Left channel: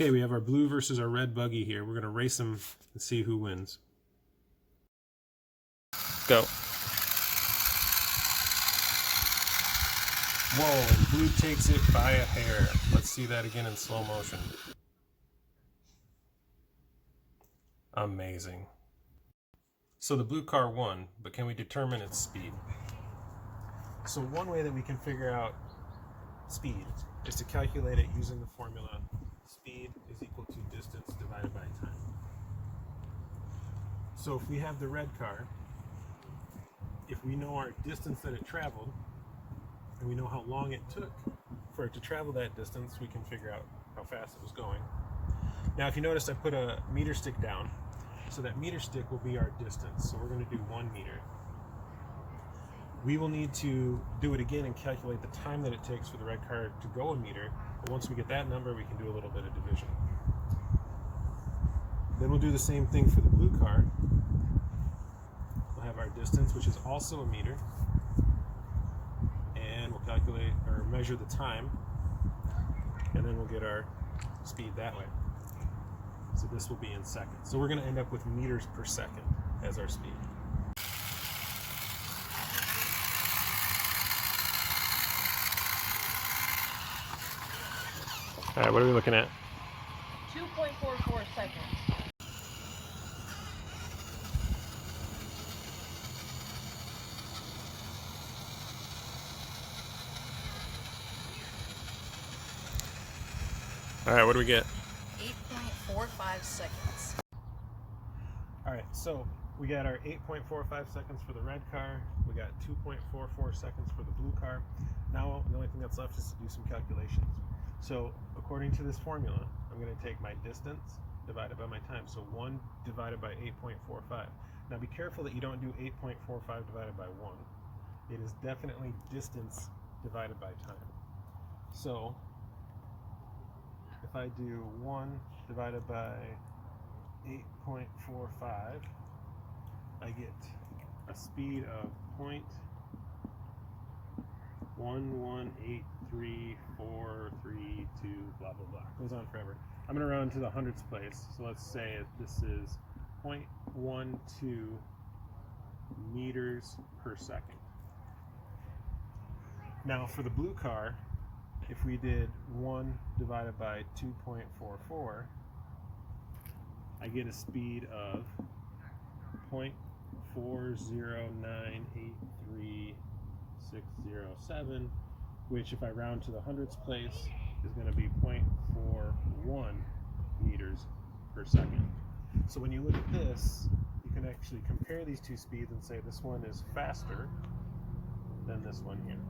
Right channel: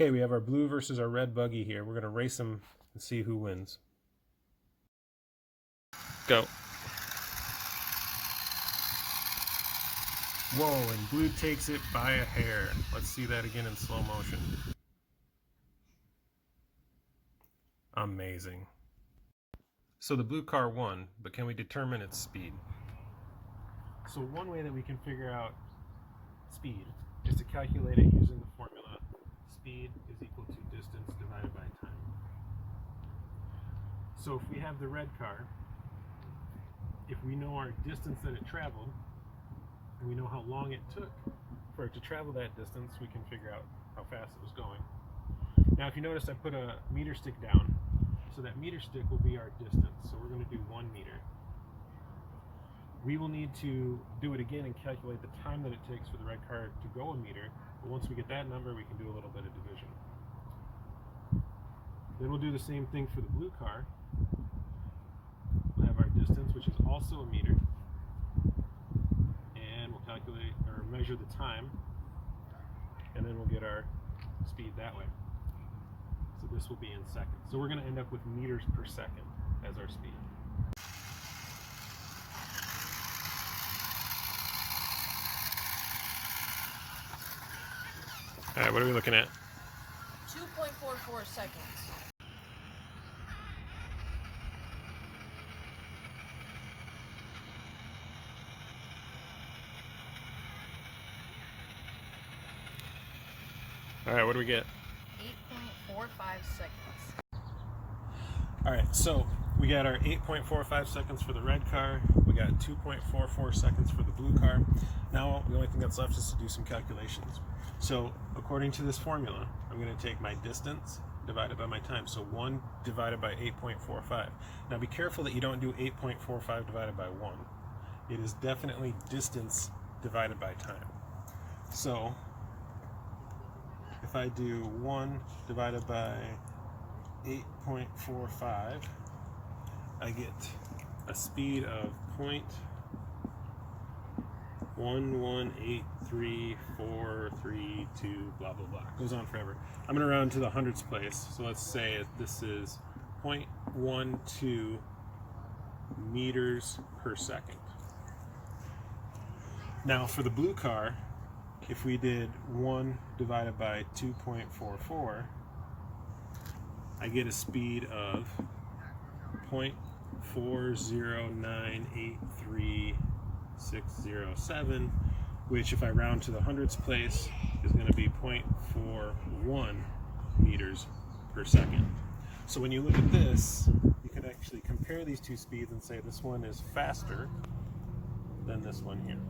Okay, we have our blue versus our red buggy here. We're going to race them and see who wins. Go. Whoa, and blue takes it by a hair. Let's see that again in slow motion. Amazing. So the blue car won, but can we determine its speed? So one way that we can figure out speed is to calculate it using the formula speed is equal to distance divided by time. So if we have the red car, if we know our distance that it traveled, and we know how long it took for it to travel that distance, we can figure out how fast it was going. Now if you notice, I put a meter stick down, so that meter stick will be our distance. So we're going to do 1 meter. We will need to do it again and calculate the time that it takes for the red car to go a meter, but once we get that number, we can do a little bit of division. Then we'll do the same thing for the blue car. We'll have our distance, which is also a meter, and we'll calculate or measure the time, and then we'll get our speed that way. So this will be in seconds. So we're going to end up with meters per second as our speed. All right, what are we looking at? 2.44 seconds. All right, what do we get? 8.45 seconds. All right, so we got our 8.45 seconds for the red car. We got 2.44 seconds for the blue car. Now the only thing that's left is to do some calculations. So according to this formula, I'm going to take my distance divided by my time. So 1 divided by 8.45. Now be careful that you don't do 8.45 divided by 1. It is definitely distance divided by time. So if I do 1 divided by 8.45, I get a speed of 0.11834332, blah blah blah. Goes on forever. I'm going to round to the hundredths place. So let's say this is 0.12 meters per second. Now for the blue car, if we did 1 divided by 2.44, I get a speed of 0.4098367, which if I round to the hundredths place is going to be 0.41 meters per second. So when you look at this, you can actually compare these two speeds and say this one is faster than this one here.